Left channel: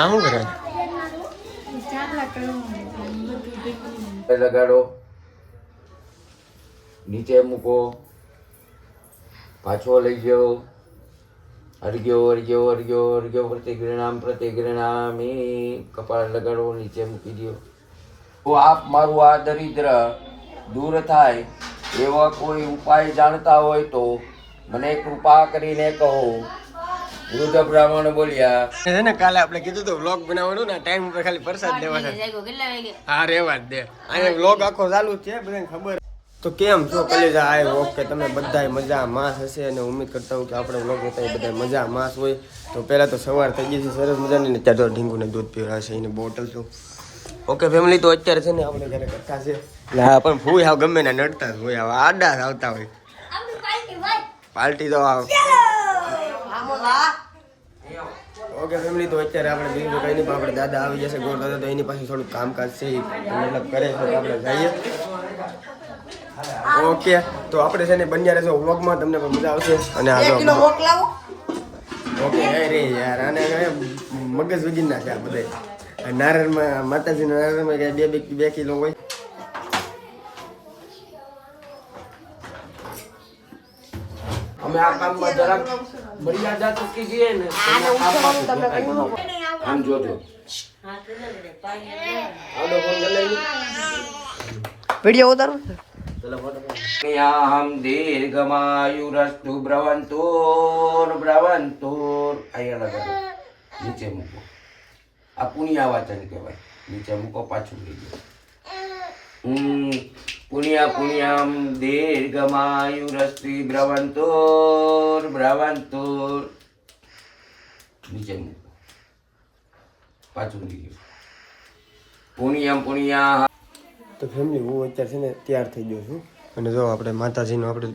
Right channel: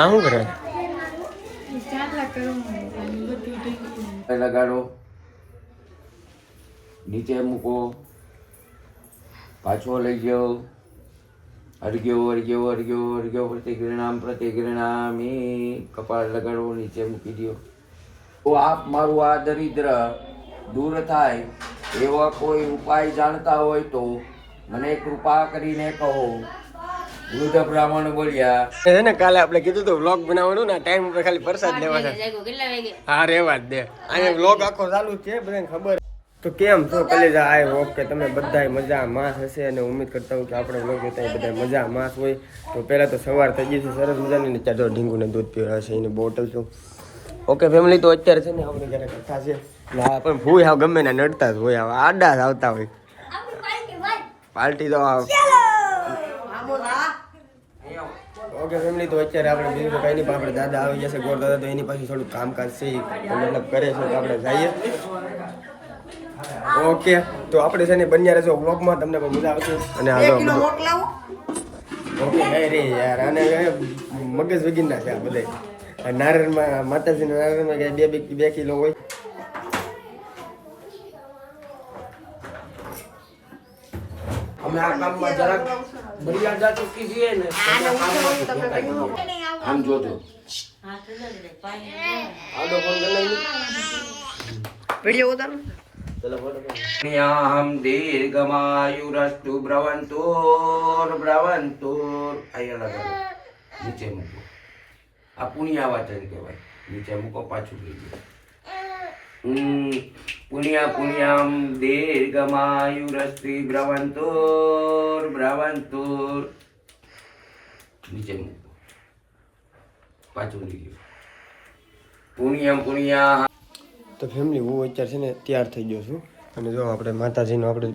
આ શું કરે લગાડો. નીચે મૂકો. પાછો લઈ ગયો અડગ્યો અડગ્યો અડગ્યો અડગ્યો. પ્રતિગ્રણામ પ્રતિક્રિણામી કપાળ લગાડો, નીચે મૂકી દો તો આપ મારું આ દરિદ્ર દૂર થાય એવા કોઈ ઉપાય જાણતા હોય તો મને કૃપા કરીને કહો. વૃદ્ધ બ્રાહ્મણ બોલ્યા. છે ને કાલે આપણે કીધું તો વ્લોગ બનાવવાનું ને ટાઈમ ઉપર ખાલી પ્રસાદ લેવા છે. હા રેવા જ દે. અને વ્લોગ આખો ચાલુ જ છે બધાને ખબર. તો કેમ છો કલેજા? આય ઓકે તમે બધાય મજા માસ હશે અને ઉમ્મીદ કરતા હોઉં કે આપણે વ્લોગ જોતા બધા મજા માસ હોય. તો પહેલાં તો સવાર થઈ ગઈ છે સરસ મજાની ને ત્યાં જો ઢીંગુને દૂધ પીવા છે એની બોટલ છું ઓકે ફેમિલી તો અત્યારે છે ને આપણે ઘરે કરતા છે. એટલે હા પણ ફૂઈ આવ ગમે ને નડતા જ હોય આવા આડા જ આવતા હોય. પાર્ટી તો આવ ઓકે ફેમિલી તો અત્યારે આપણે બીજું તો કંઈ નહીં આપણે દાદા આવી જશે ગોળ દાદા તો એની પાસે થોડું કામકાજ છે મતલબ કરે છે તો આપણે જઈએ. ઓકે તો આપણે છે ને બન્યા રહેશો વ્લોગમાં તમને પણ મજા આવશે. અને આ જો બધું ઓકે અરે યાર આને મગજ મગજ વગીરના છે આ બધા. નારાયણમાં માતાજીના નારાયણમાં બે બે બે કિલો હોય. અમે આ કામમાં જરાક જા ચૂકી છીએ ને. આમ જોજો. વીડિયો ઉતારો યાહમ દીર્ઘમાયુરસ્તુ બ્રવંતુર બ્રવંતુર. અહીંયા લગાડો નીચે મૂકો. આ પુણ્યા વાચન કહેવાય. નીચે મૂકો પાછું લઈ પુણ્યા પુણ્યામ દીર્ઘમાયુરસ્તિ બ્રવંતુર બ્રવંતુર મૂકો. પાછું જાઓ પુણ્યમ પુણ્યા તો ફેમિલી હું અત્યારે છે ને તૈયાર થઈ ગયો છું. અને જો આપણે માતાજીનો આપણે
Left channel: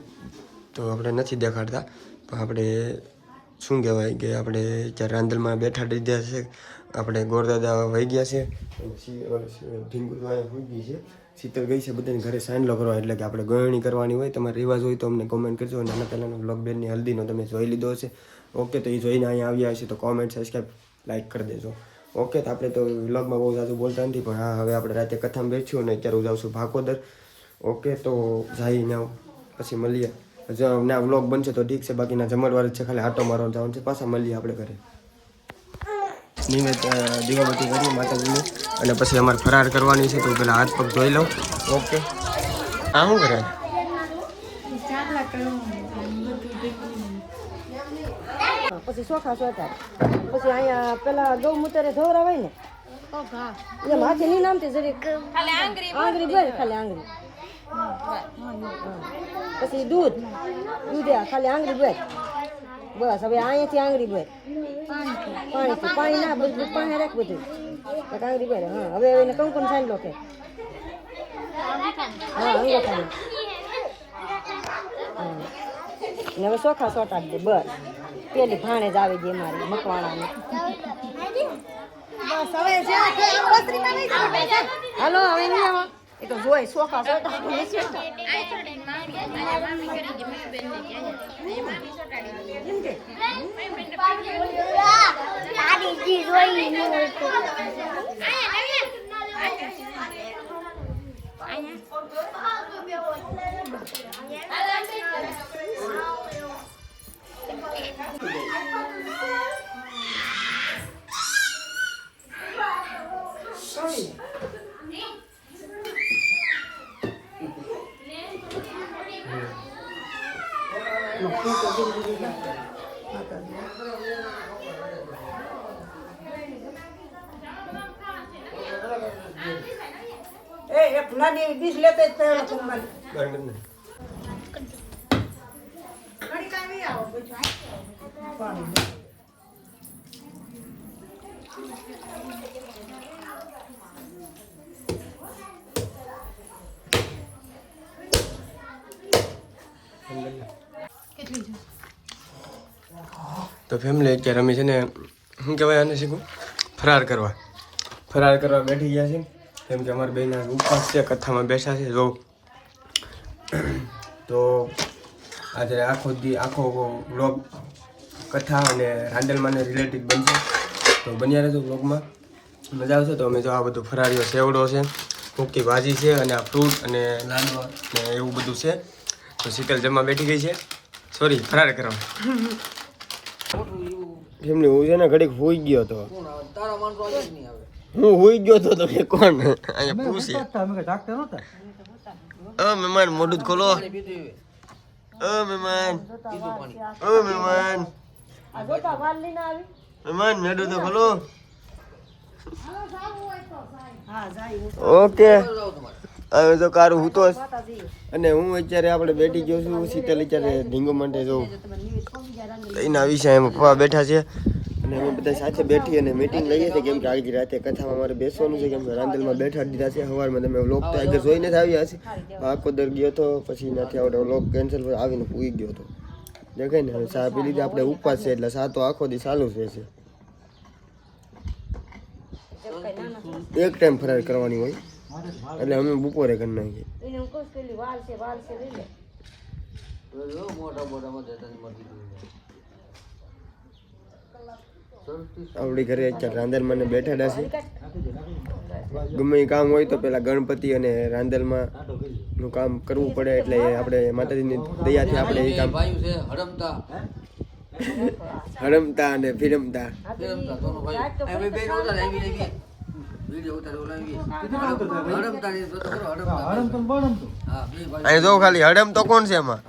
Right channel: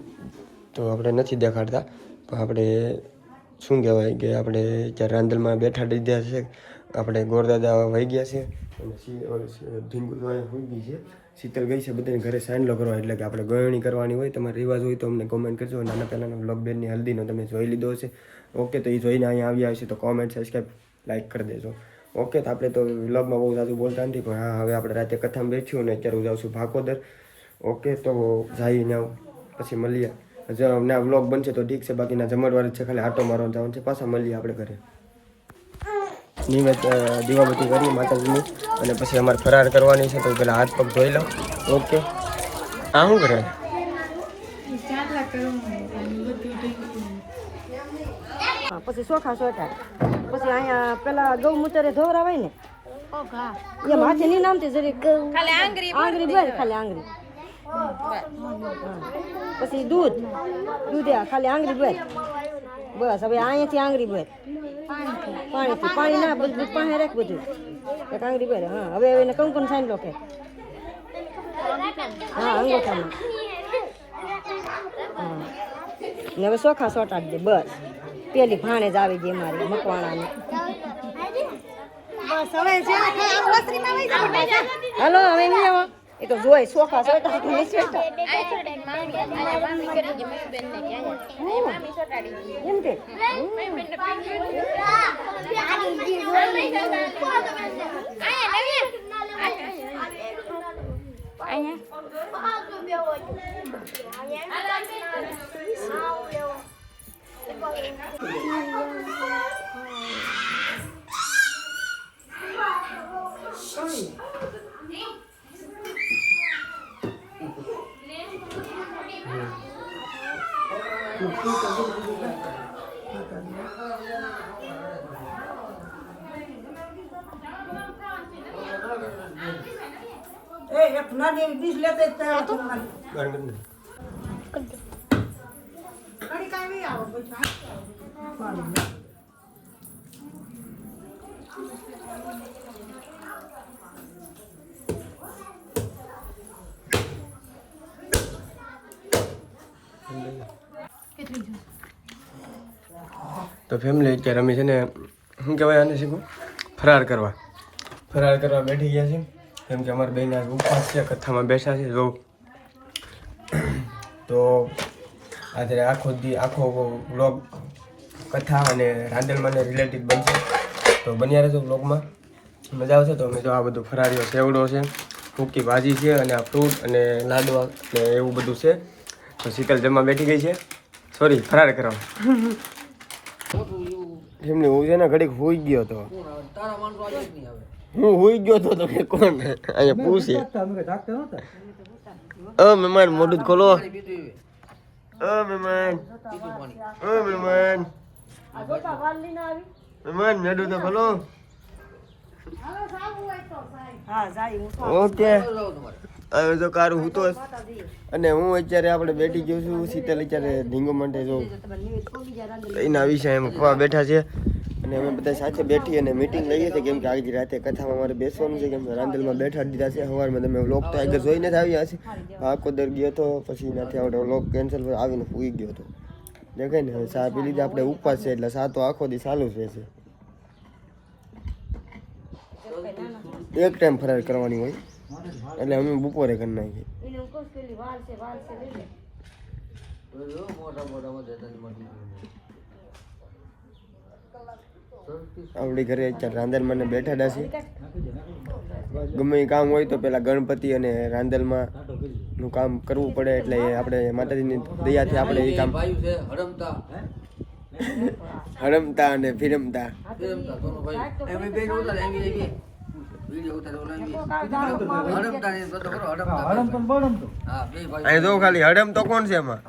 તો આપણે નથી દેખાડતા, પણ આપણે શું કહેવાય કે આપણે અત્યારે રાંદલમાં બેઠા દીધા છે, આપણે ગોરદાદા વહી ગયા છે, અને સી- હોઈ ગઈ છે. શીતળ ગઈ છે, બધાને ઘરે સાંજલો કરવા. એટલે કે આપણે ગળણી કરવાની હોય, તમારે રિવાજ હોય તો અમને કોમેન્ટ કરજો. નાના પહેલાંનો બેનની હલ્દીનો તમે જોઈ લીધો હશે. ઓકે તો એ જોઈને અહીંયા આવ્યા હશે, તો કોમેન્ટ સબસ્ક્રાઈબ લાઈક કરી દેજો. ઓકે તો આપણે તો વ્લોગમાં બહુ સાચું બોલતા નથી, પણ હા, હવે આપણે રાતે કથામાં બેઠ્યું અને અત્યારે હું જાઉં છું ભાકોદર ઓકે તો જઈને પછી મળીએ. ના વ્લોગ બનશે તો ઠીક છે, બાકીના જમણવાર છે, ખાલી આટો મારવા જવાનું છે, પાછા મળીએ આપણે ઘરે. નિવેદ દીવાબત્તી કરીએ માતાજીની. અને પછી અમારે ફરાર કરવાની છે તો પહેલાં હાથ પગ ધોઈ લઉં. ઓકે. આ શું કરે? પછી ચોખા ચોટાય પછી અહીંયા પેલા ગૌમૂત્ર ધોવરાવે ને માથે નહીં નામતી જરી આંગળી ભર ખાલી આંગળી. પછી દૂધ દૂધ ખાલી આંગળી ભર બસ, હવે અહીંયાથી આંગળી ભર. પાણીથી પાણી ના, બધું, પાણી રાખ બધું. એક આંગળી ભર, હા, હવે એને કંકુન સાંભળો કે હા અંગૂઠામાં ને હવે સોખા ચોટાડી દે બસ. પેલી ભાણે જ આવી ગઈ મારી, મકવાણાની. હાલો, હવે એ તો જોઈ સોખા સોટા. એમ કે? એક નાની બીજ લેતે તો ફેમિલી અત્યારે અમે છે ને, શું કહેવાય આને શીખું ફરાર કરવા. ફરાર કરવા બેઠી ગયા છે કેમ કે અમારા બેના ઉપવાસ છે, કથામાં બેઠા છે, જો. તો આજે આખો દી, આખો બ્લોગ કથા અને રાંદેલમાંને રિલેટેડ બનશે. તો બન્યા રહેજો બ્લોગમાં મજા આવશે તો અમે જો આ બધું ફરારીઓ સેવડો છે, ફૂકી ભાજી છે અને આ ફ્રૂટ અને લાડવા ને એવું બધું છે. તો શીતલ જમવા બેઠી ગઈ છે. સોરી ફરાર કરો. એમને હું છે ને ઘડીક હોઈ ગયો તો. હું હોઈ ગયો તો તમે કોણ? અહીંયા પૂછે. અ મહેમાન મોઢું ખોલો. અ મહેમાન અ મહેમાન. મહેમાન મેડું તો ખોલો. ઓકે. હવે તો કારું હું તો અને હું અત્યારે આપણે બેઠી ગયો છું, શીતલ અત્યારે ઢીંગો માટે જો લઈને આવી છે એમ પપ્પા બેઠા છે. અને અમે બધા સાથે બેઠી અને મીટિંગ લઈએ છીએ, કેમ કે આગળ રાતે કથામાં મારે બેસવાનું છે, કેમ કે રાંદલમાં બેઠા દીધા છે. સવારમાં તમે વ્લોગ તો આગળ જોઈને જ આવ્યા છે આખો દર ગયો હતો, પછી નથી આવડે વ્લોગ કેન્સલ આવીને પૂઈ ગયો હતો. દેખાય ને, હવે ચા પી આપણે ઉપવાસ છે, એટલે ચા તો આખો દી ચાલુ જ રહેશે. એક ટાઈમ ફરાર કરવાની હોય, એટલે અમે બપોરે કરી નાખીએ. આપણી ઘરે અત્યારે રાંદલમાં ને બેઠા છે. ગમે એ કામ હોય તો પેલા ગણપતિ અને રાંદલમાં નું કામ કરવું પડે એટલે એ આપણે માતાજીની દયાથી આપણે એ કામ હરમતા. અને ફિરમતા. જો ખાલી હડમ તો કોણ છે એમાં?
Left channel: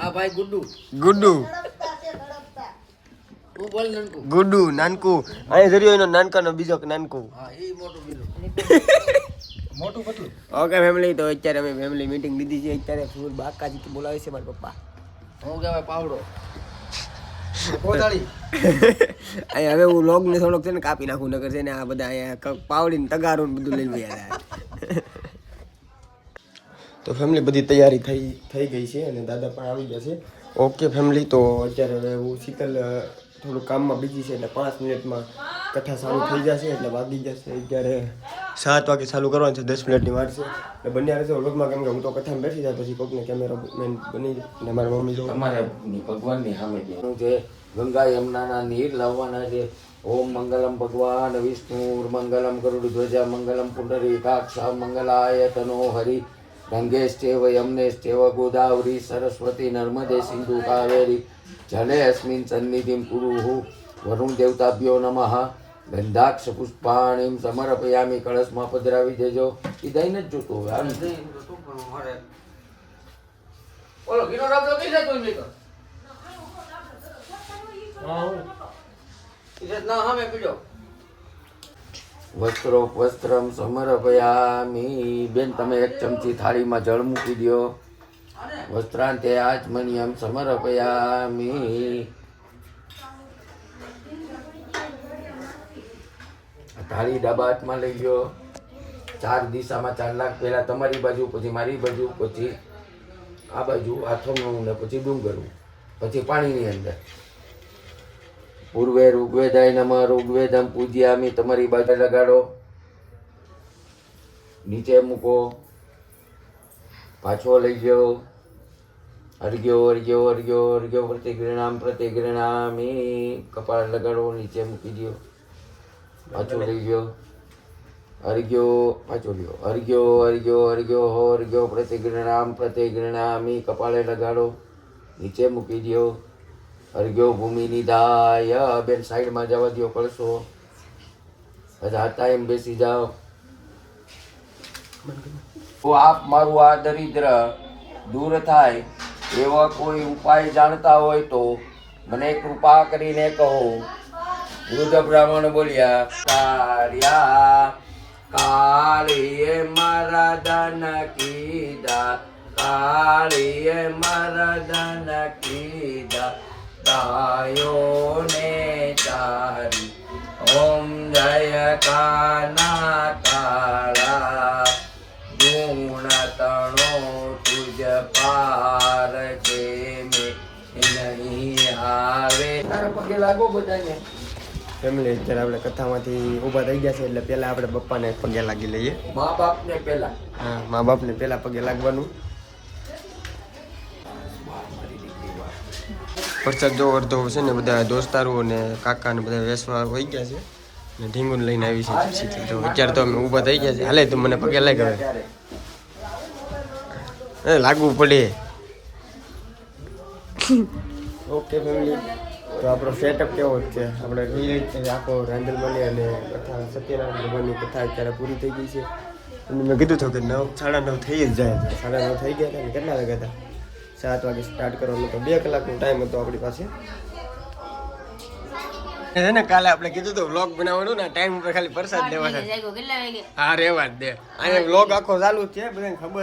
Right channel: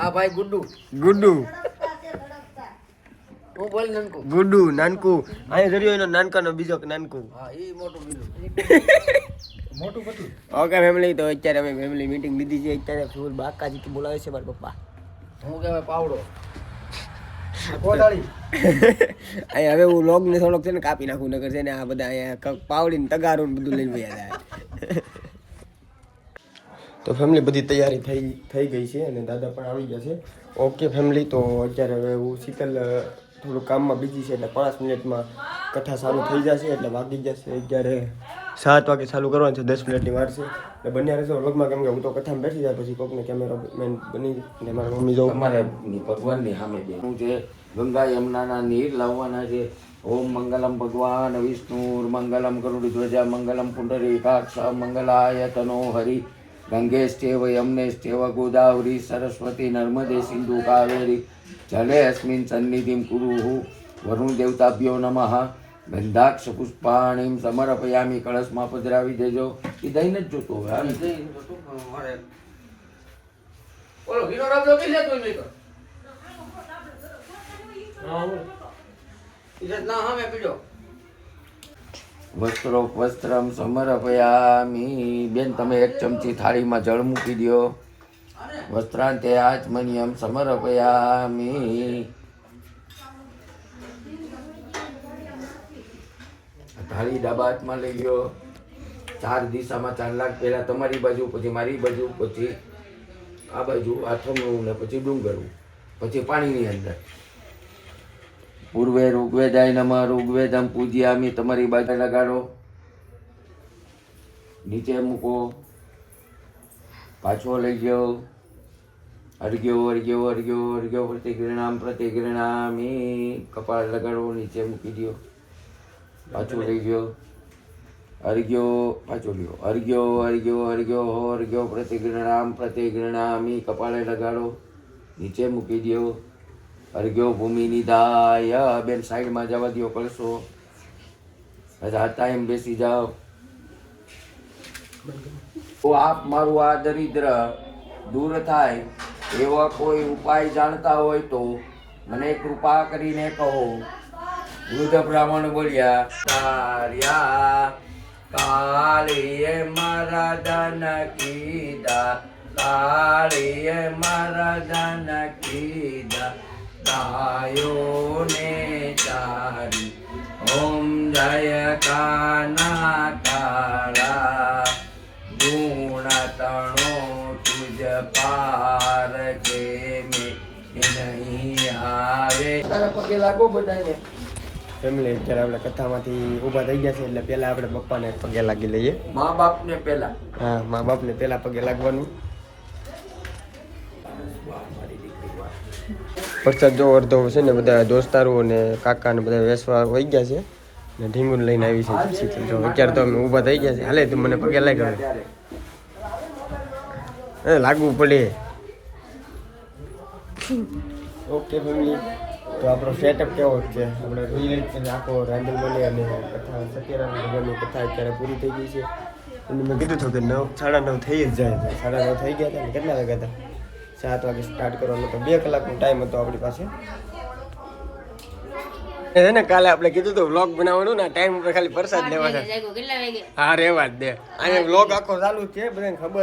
આ ભાઈ ગુડ્ડુ. ગુડ્ડુ. ગુડ્ડુ નાનકુ. અહીં જોયું એનો નાનકાનો બીજો કે નાનકુ. હા એ ઓકે ફેમિલી તો અત્યારે અમે ફેમિલી મીટિંગ લીધી છે. અત્યારે ફૂલ બાકાજી બોલાવે છે મારા પપ્પા. હું કહેવાય પાવડો. અહીંયા હવે હું લોગ ને થોડોક છે ને કાપી નાખું નગર છે ને આ બધા અહીંયા પાવડી પાવડીને તગારું ને બધું લઈને ગયા હતા તો ફેમિલી બધી તૈયારી થઈ થઈ ગઈ છે અને દાદા પણ આવી ગયા છે. ઓકે ફેમિલી તો અત્યારે હવે હું શીતલ થોડું કામમાં બીજી છે એટલે પાંચ મિનિટમાં કથા ચાલુ થઈ જશે એટલે વાગી જશે અત્યારે સાત વાગે ચાલુ કરવાનું છે, દસ મિનિટની વાર છે. એટલે બંને રહેશે વ્લોગમાં કેમ કે હું તો કથામાં બેસી જાય પછી કોકને કેમેરા મેન બની અને મારા મમ્મી જો મારે ભગવાનની સામે હું જે ગંગા યમુનાના નીર લાવવાના છે. ઓમ મંગલમ ભગવાન, વિષ્ણુ, મંગલમ ગરુડ ધ્વજા, મંગલમ પુંડરીકાક્ષ મંગલાય તનો હરિ ગંગે સ્ટેવ યમને સ્ટેવ ગોદાવરી સરસ્વતી નર્મદે સિંધુ કાવેરી જલે અસ્મિન સન્નિધિમ કુરુહુ વરુણ દેવતાભ્યો નમઃ. ગંધાક્ષ પુષ્પાણી સમર્પયામી કળશમાં પધરાવી દેજો. એ દઈને જ જોતો. ઓલો ભીનો ડબલો કઈ જતો નહીં તો? ના હા પીડો. વસ્ત્રો વસ્ત્રમ સમર્પયામી. બેન, તમે એક ચમચી થાળીમાં જળ મૂકી દો વસ્ત્રાંતે આચમનિયમ સમર્પયામી. થાળી ડાબા હાથમાં લઈ ગયો ચાર દિશામાં ચાર લાખ પહેલાં તમારી બાજુ, પછી મારી બાજુ, પછી આ બાજુ આથમનું ને પછી ડુંગરવું પછી પાણીની અંદર. પૂર્વે ઋગ્વેદાય નમઃ, ઋગ્વેદમ પૂજ્યામી, તમારી બાજુ લગાડો. નીચે મૂકો. પાછો લઈ ગયો અર્ઘ્યો અર્ઘ્યો અર્ઘ્યો અર્ઘ્યો પ્રતિગૃણામ પ્રતિગૃણામી કપાળ લગાડો, નીચે મૂકી દો પાછો લઈ ગયો અર્ઘ્યો પાછો લ્યો. અર્ઘ્યો અર્ઘ્યો અર્ઘ્યો હો અર્ઘ્યો પ્રતિગૃણામ પ્રતિગૃણામી કપાળે લગાડો. નીચે મૂકી દો અર્ઘ્યો ભૂમિ નિધાય બેન સાઈડમાં જવા દો કરશો ટાઈમ બેસી જાઓ. તો આપ મારું આ દરિદ્ર દૂર થાય એવા કોઈ ઉપાય જાણતા હોય તો મને કૃપા કરીને કહો. વૃદ્ધ બ્રાહ્મણ બોલ્યા કાર્યા કાળીએ મારા દાન કીધા કાળીએ મારા દાન કીધા ગાયોને તારી ઓમ જય કાના કાળા ગુણ તણો તુજ પાર કે મે નહીં આવે પગે લાગો બધાને. ફેમિલી અત્યારે આપણે કથામાંથી ઊભા થઈ ગયા છે એટલે પહેલા આપણે પપ્પાને પગે લાગી લઈએ. મા બાપને પહેલા. હા મા બાપને પહેલા પગે લાગવાનું. વરસાદ જો અડધો છે ને બધા દોસ્તારો અને કાકા ને બધા વેસવા વહી ગયા છે. ને ઢીંગુન લઈને આવી છે શીતલ જો અત્યારે તો અમે ઊભા થઈ ગયા છે. હાલે, તું મને પગે લાગે હવે. લાગવું પડે. ઓકે ફેમિલી તો આપણો સેટઅપ કેવો છે? આપણે રીતે આખો રાંધલ મળી અને કથા, સત્યનારાયણ ભગવાનની કથા અત્યારે પૂરી થઈ ગઈ છે. અને મેં કીધું હતું કે નવ, સાડા નવ થઈ જ જાય સાડા નવ થઈ ગયા હતા ને કેટલા વાગ્યા હતા? સાત વાગે સ્ટાર્ટ કરવાનો તો બે કલાકનો ટાઈમ હતો આપણી પાસે. છે ને કાલે આપણે કીધું હતું વ્લોગ બનાવવાનું ને ટાઈમ ઉપર ખાલી પ્રસાદ લેવાનો. હા રેવા જ દે. અને વ્લોગ આખો ચાલુ છે બધાને ખબર